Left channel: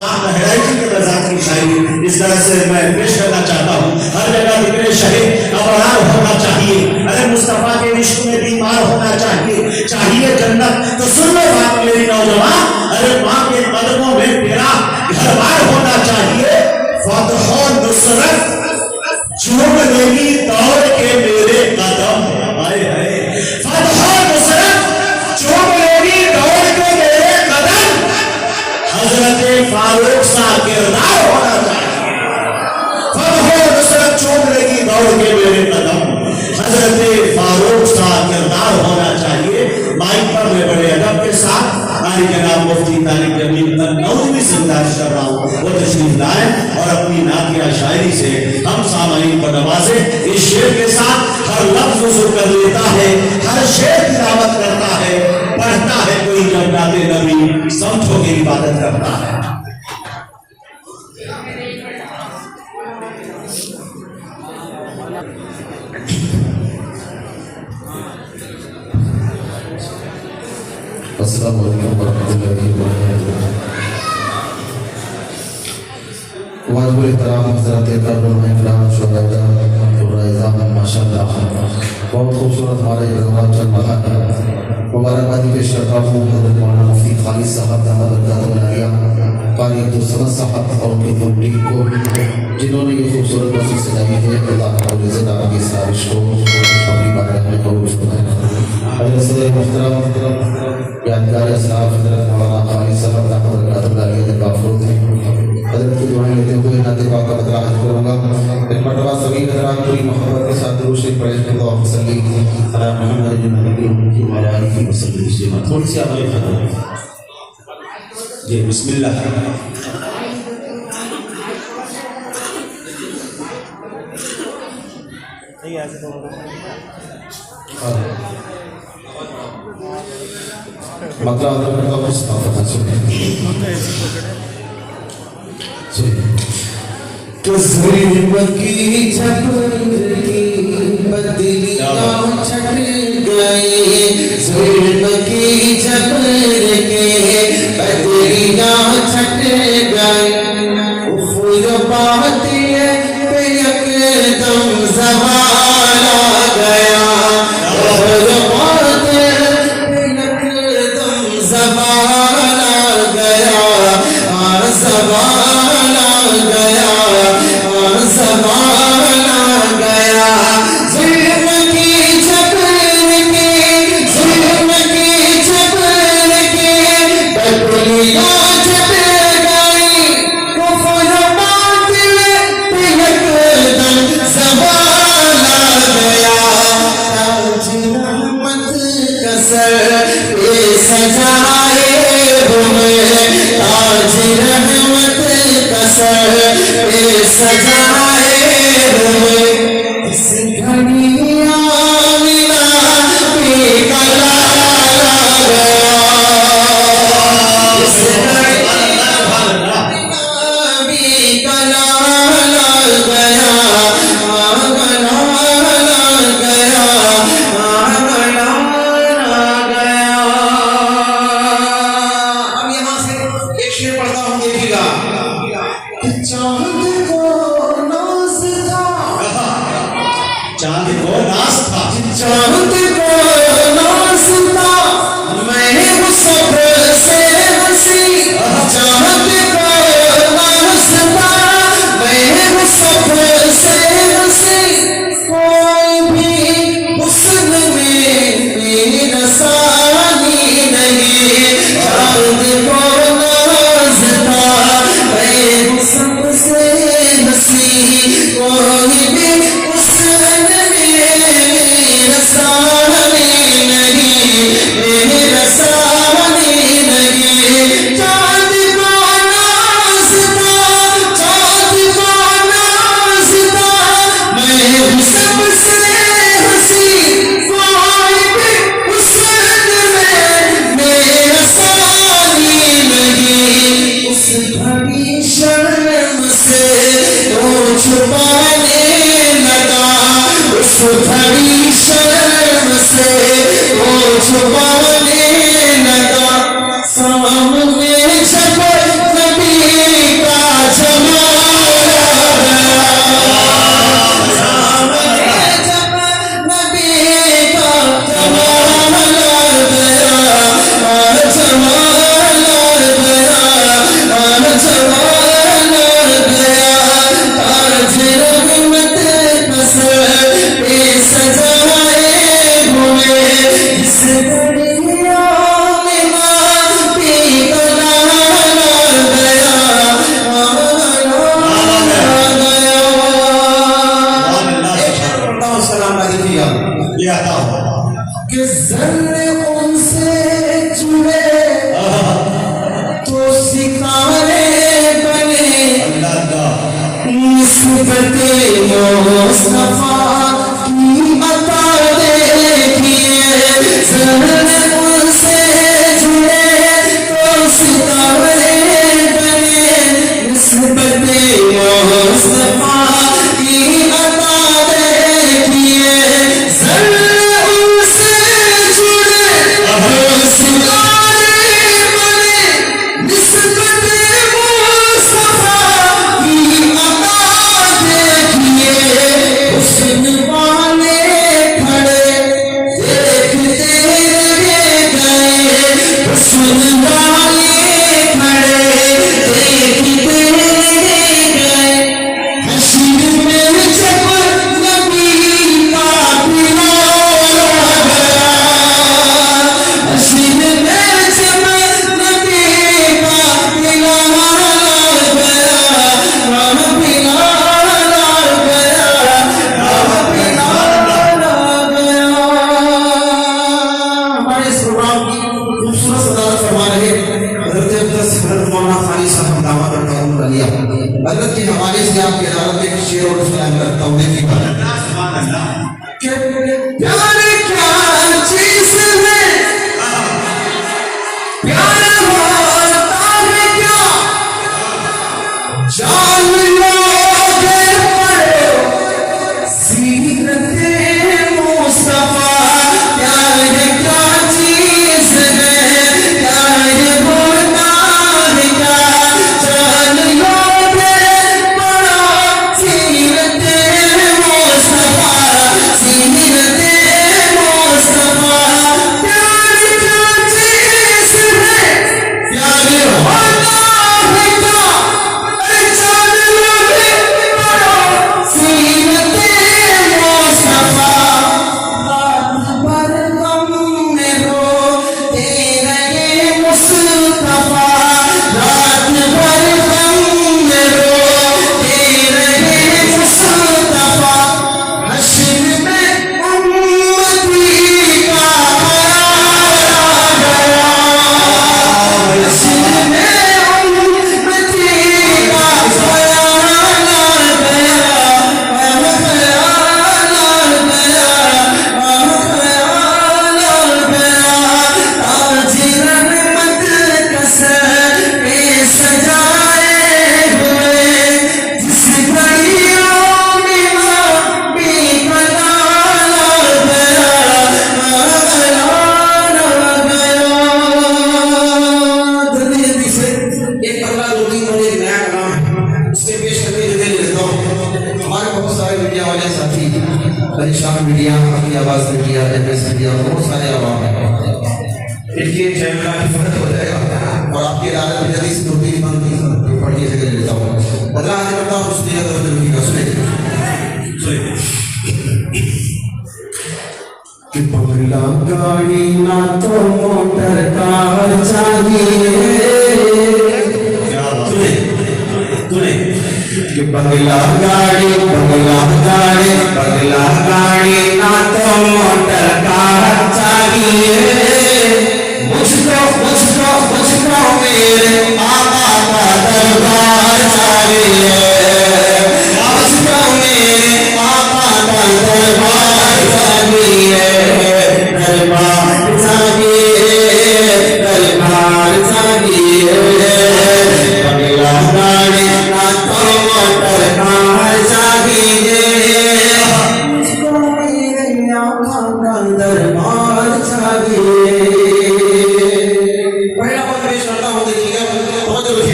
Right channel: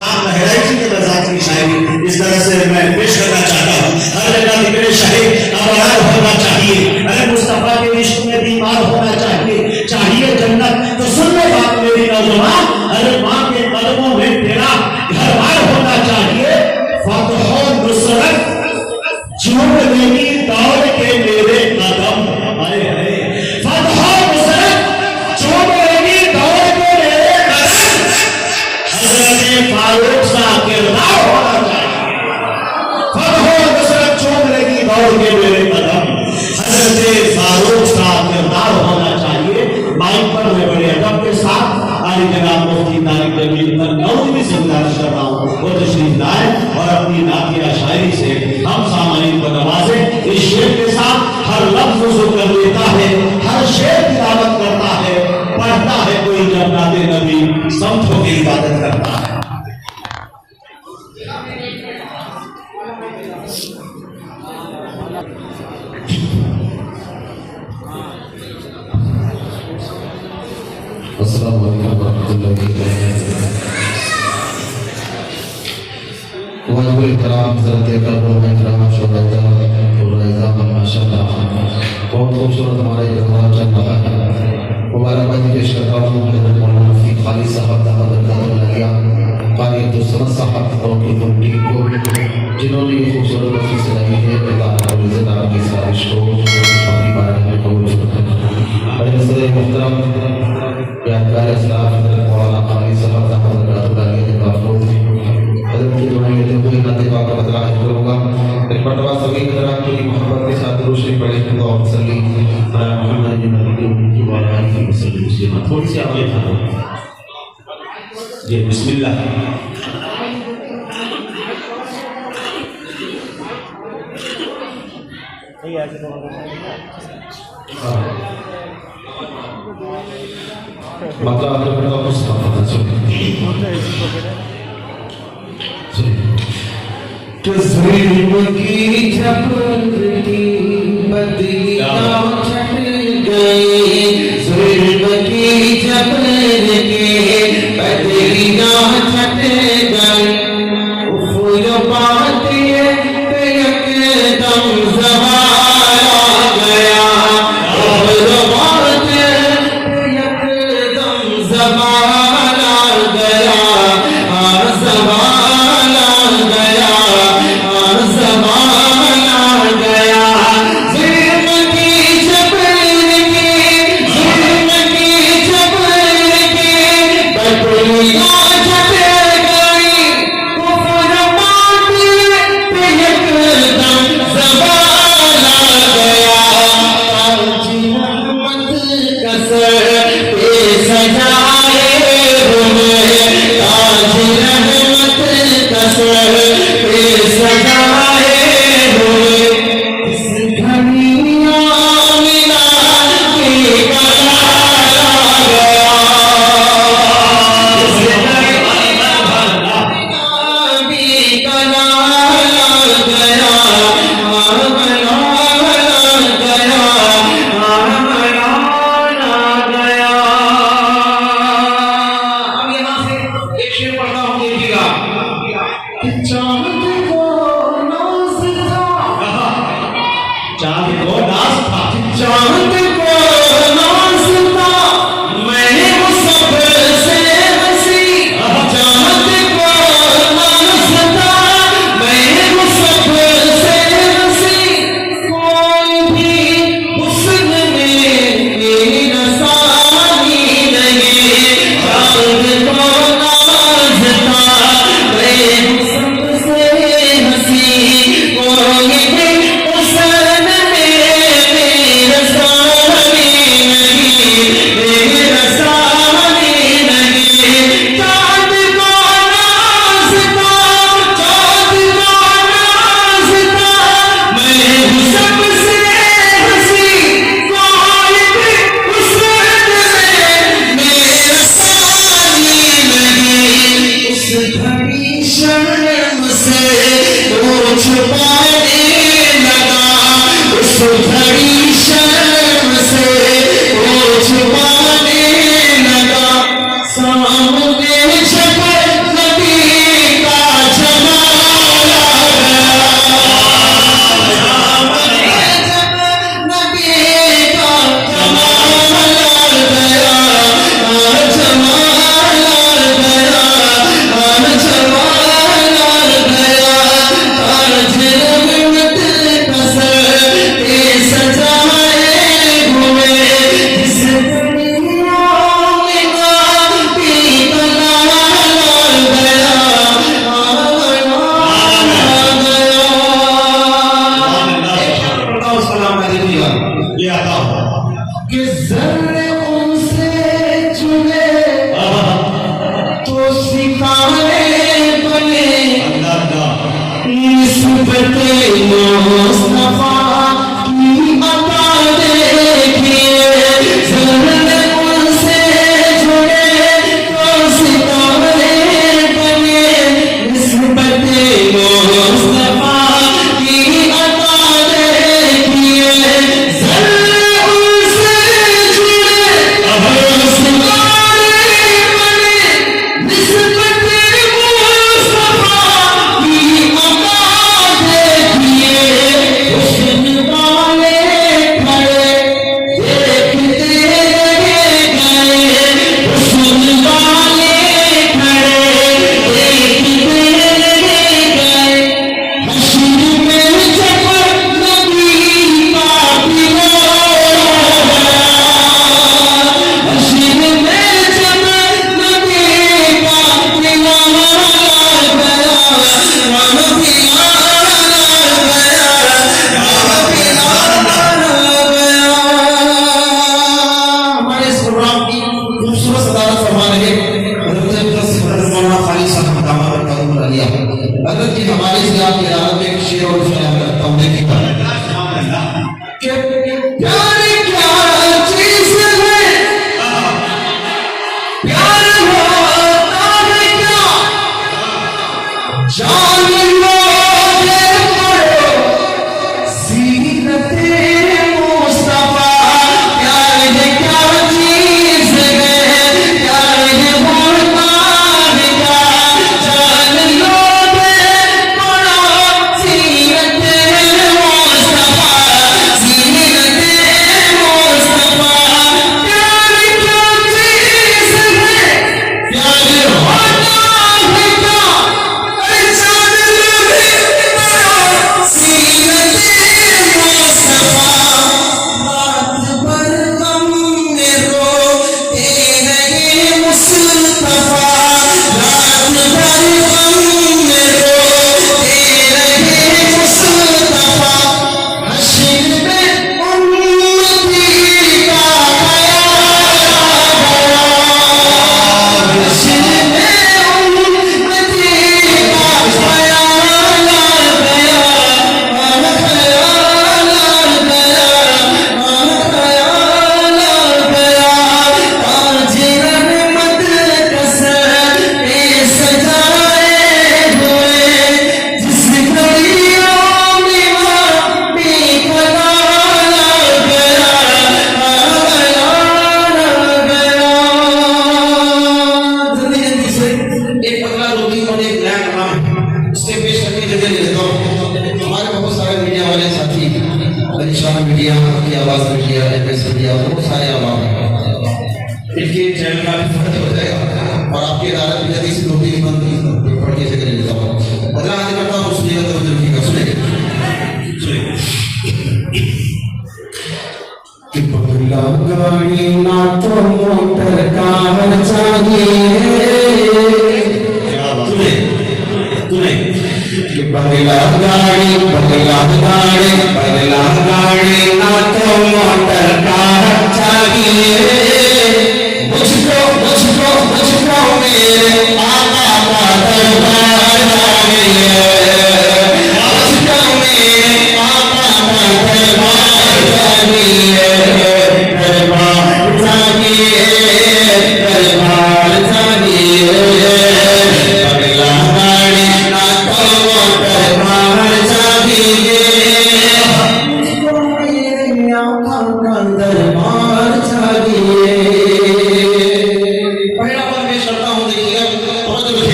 लहराई थी की शायरी इस तरह से मैं पेश करना चाहता हूँ। हर जगह जिक्र शहीद अबरार होना चाहिए, अरे मुस्तफा के इश्क में बीमार होना चाहिए, चाहिए जन्नत तो सुन लो बात मेरी नौजवान, अरे माँ के कदमों में तेरा घर बार होना चाहिए। फतह नुसरत झूम लेगी दौड़ के मेरे कदम, हाय हाय फतह नुसरत झूम लेगी दौड़ के मेरे कदम, हजरत फारूक सा किरदार होना चाहिए। फतह नुसरत झूम लेगी दौड़ के मेरे कदम, हजरत फारूक सा किरदार होना चाहिए। माइक पर मैं बड़े अदब के साथ आली जनाब मुफ्ती तारिक जमील नौजवी से गुजारिश कर रहा हूँ वो तशरीफ लाए और अपनी नातिया शायरी से हम सामाइन को नवाजे। इस शेर के साथ हर लफ्ज उसे कर लेता है, हर शेर तिलावत करता है, पढ़ता है कोई जब नाते नबी समझो की इबादत करता है। अस्सलाम वालेकुम वरहमतुल्लाहि वबरकातुहू। वाजिब एहतराम हज़रत इकराम शुहदा और इज़ाम माशाअल्लाह बहुत खूबसूरत हमारा ये प्रोग्राम चल रहा है। मुबारकबादी पेश करता हूँ हज़रत मौलाना मुफ्ती खालिद साहब कारी अब्दुल साहब और उनकी पूरी टीम को जिन्होंने ये खूबसूरत मस्जिद सजाई है। अल्लाह रब्बुल इज़्ज़त ताला की साजिश को अपनी बारगाह में कबूल फरमाए। जैसे मुहतरम यादगार इस्लाम हज़रत मौलाना खालिद साहब रहमतुल्लाहि अलैहि हज़रत की दुआएं लेते हुए नाते पाक का बतराज करूँगा। एक मरतबा सभी हज़रात पूरी मोहब्बत के साथ दुरूद शरीफ पढ़ेंगे तो आप सल्ली अला मुहम्मद नबी व आलिहि वसल्लम। थोड़ी सी आवाज़ करो जी, बिस्मिल्लाह। मक्का अदरक का मुस्तफा तो जुल्म की झपकी बदली छट गई, जुल्म की झपकी बदली छट गई, उफ़ बात ये पे एकदम ज़वाल आ गया, उफ़ बात ये पे एकदम ज़वाल आ गया, ज़वाल आ गया, ज़वाल आ गया। जुल्म की झपकी, जुल्म की झपकी बदलियाँ छट गई, कुफ़्र बात पे एकदम ज़वाल आ गया। ताज रहमत का सर पे सजाए हुए, ताज रहमत का सर पे सजाए हुए, इस घड़ी आमिना की कलाल आ गया, इस घड़ी आमिना की कलाल आ गया, कलाल आ गया, कलाल आ गया। अब यहाँ से एक शेर पढ़ता हूँ, देखिएगा। चांद को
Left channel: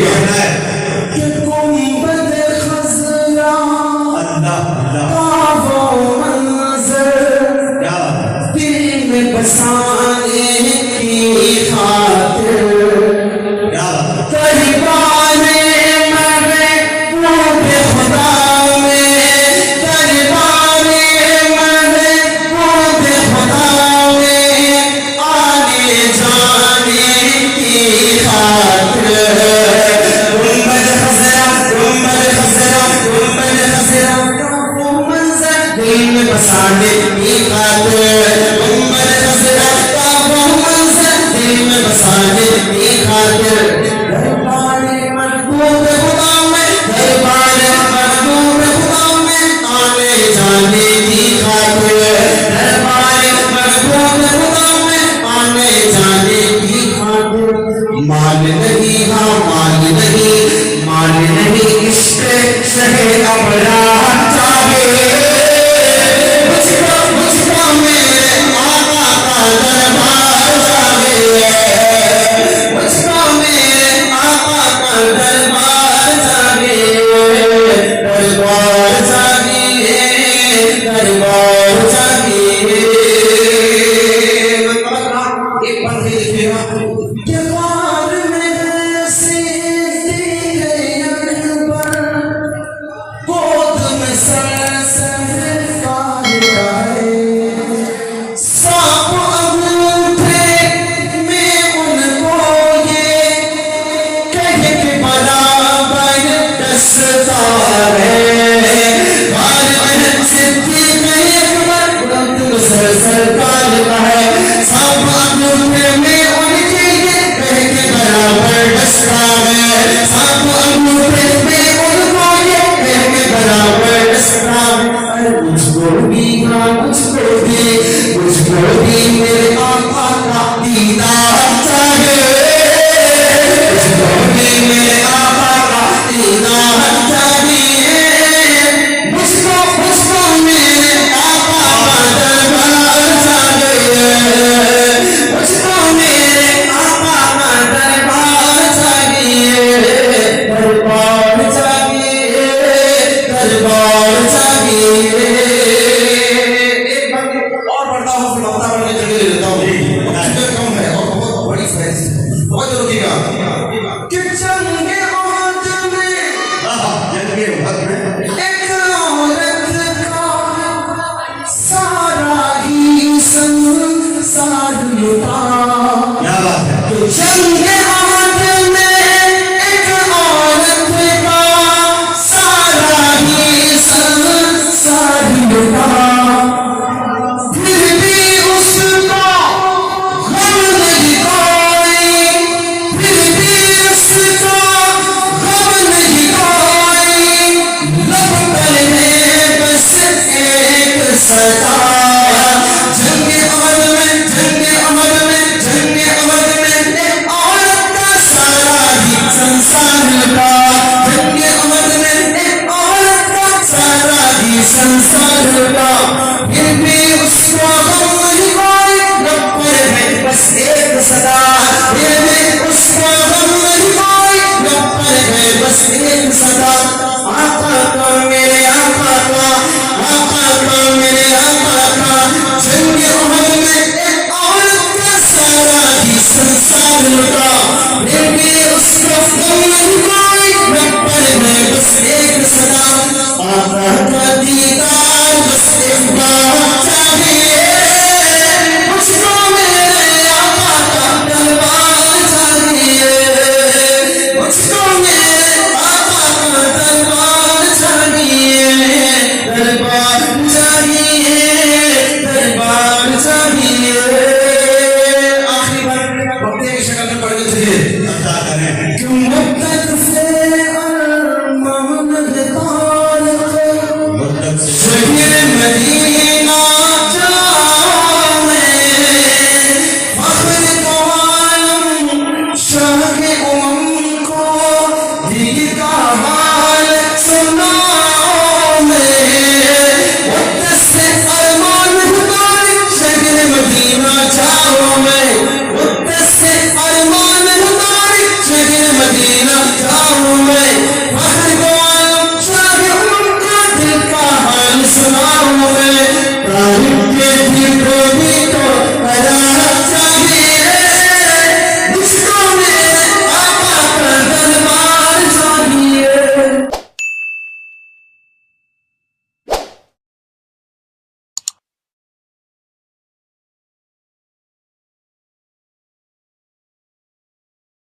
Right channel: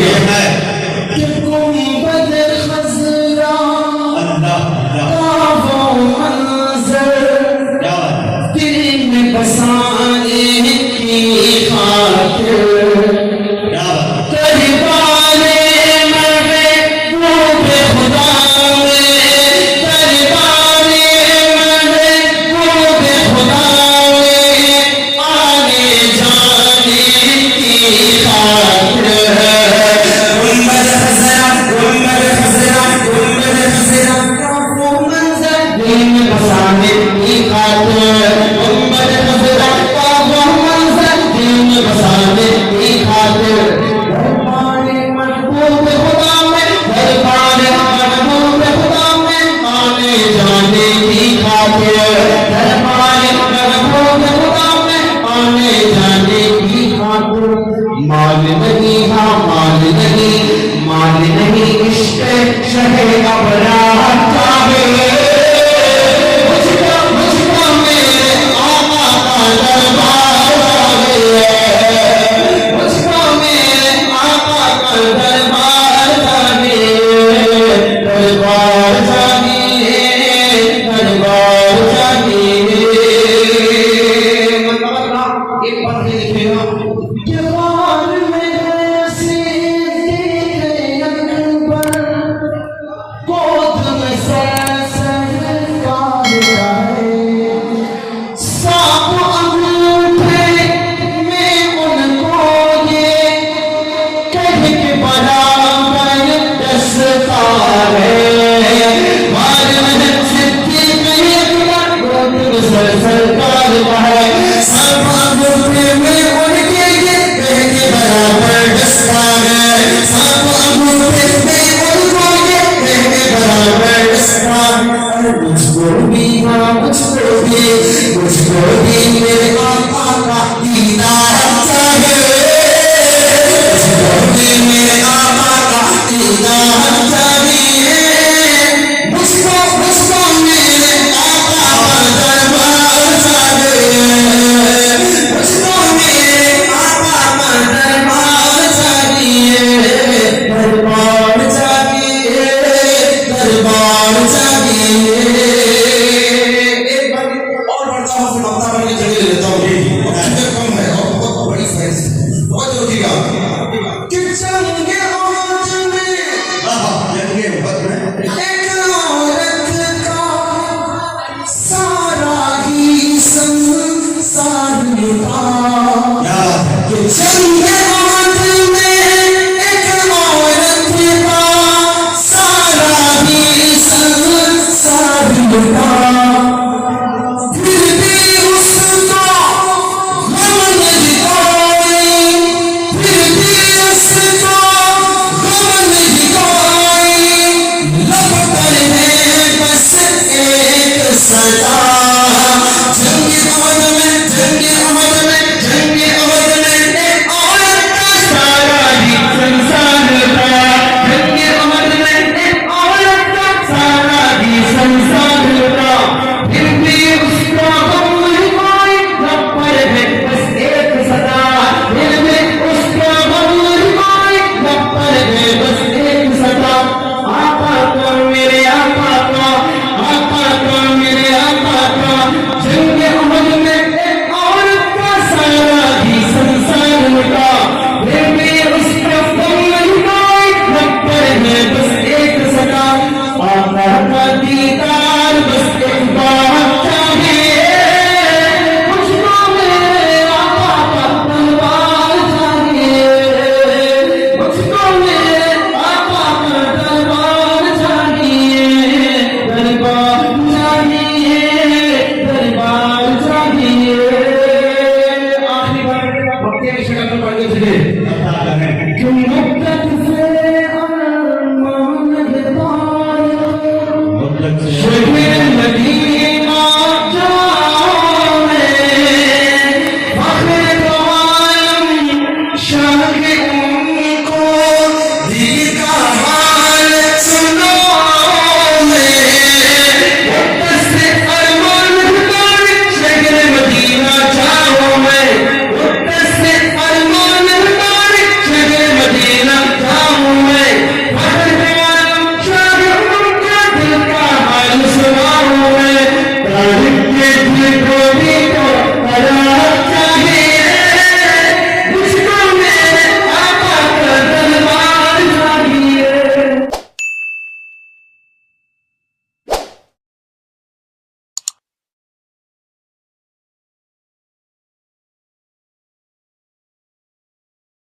ये